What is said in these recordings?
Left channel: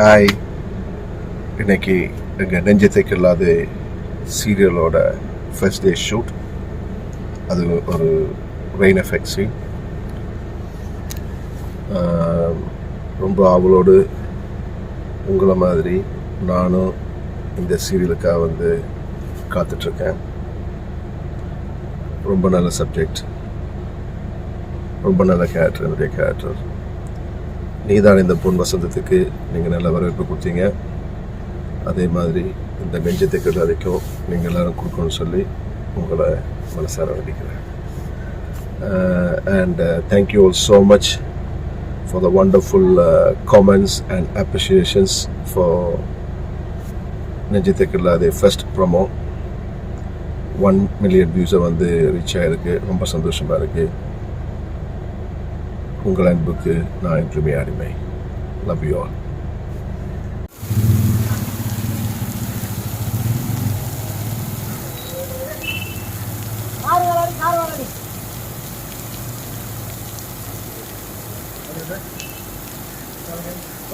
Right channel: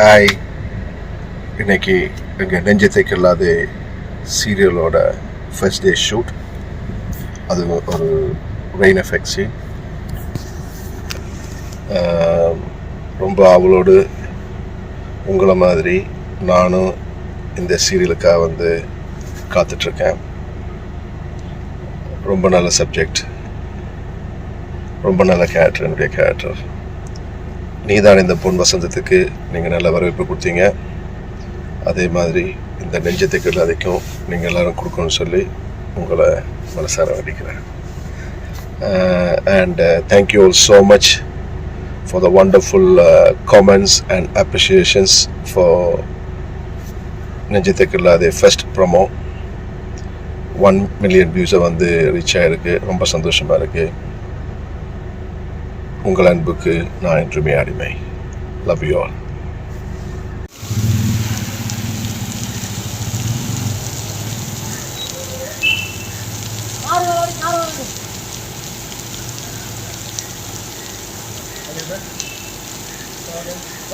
Hi, இன்னைக்கு எங்கள் நெஞ்சத்துக்கு இல்லாத சீரியலோட ஃபர்ஸ்ட் டே ஷூட். அது ஒரு ரெயின் எஃபெக்ட் சீன். ரொம்ப அவளோடு உங்களை மாதிரி நானும் இந்த சீரியலுக்காக காத்துட்ருக்கேன். ரொம்ப நல்ல சப்ஜெக்ட், ரொம்ப நல்ல கேரக்டர். என்னுடைய கேரக்டர் நீதான் இந்த பொன் வசந்தத்துக்கு நீங்கள் நல்ல வரவேற்பு கொடுத்தீங்க. அதே மாதிரி இந்த நெஞ்சத்துக்கு எல்லாத்தையும் நீங்கள் எல்லோரும் கொடுக்கணும்னு சொல்லி உங்களை மனசார வேண்டிக்கிறேன். And thank you all so much for the wonderful comments and appreciations for நெஞ்சத்துக்குள்ள அது ஃபர்ஸ்ட் ப்ரோமோ 1 million வியூஸை ரீச் ஆகிருக்கு. ரொம்ப சந்தோஷமாக இருக்குது. உங்கள் அன்புக்கு நான் என்றுமே அடிமை. Love you all.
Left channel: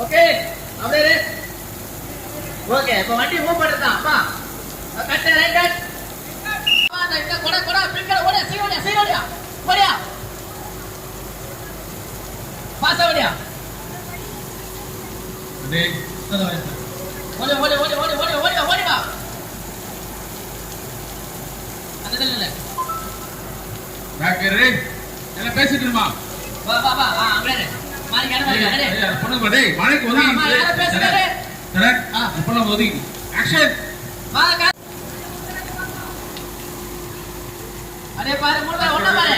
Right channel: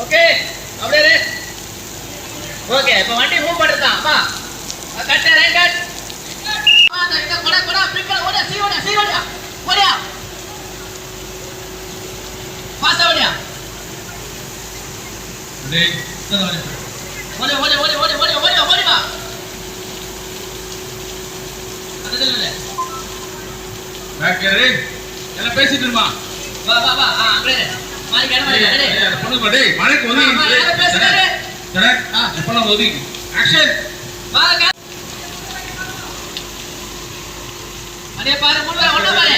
ஓகே அப்படியே ஓகே இப்போ வண்டி மூவ் பண்ணுதா அப்பா கட்ட ரைட் கட் இந்த கொட கொட பிரிக்கல ஓட சீரோடா போறியா பாஸ் ஓடியா டேய் சரி ஓடி வா அதெல்லாம் டாக்டர் என்ன பேசிட்டு இருமா வா அப்படியே மாரி கேட டேய் பொண்ணு டேய் மாரிக்கு ஒதுங்கி பேசுறே சரி பொண்ணு ஒதுங்கி ஆக்ஷன் வா அதே பாரு முள்ள ஒண்ணா பாரு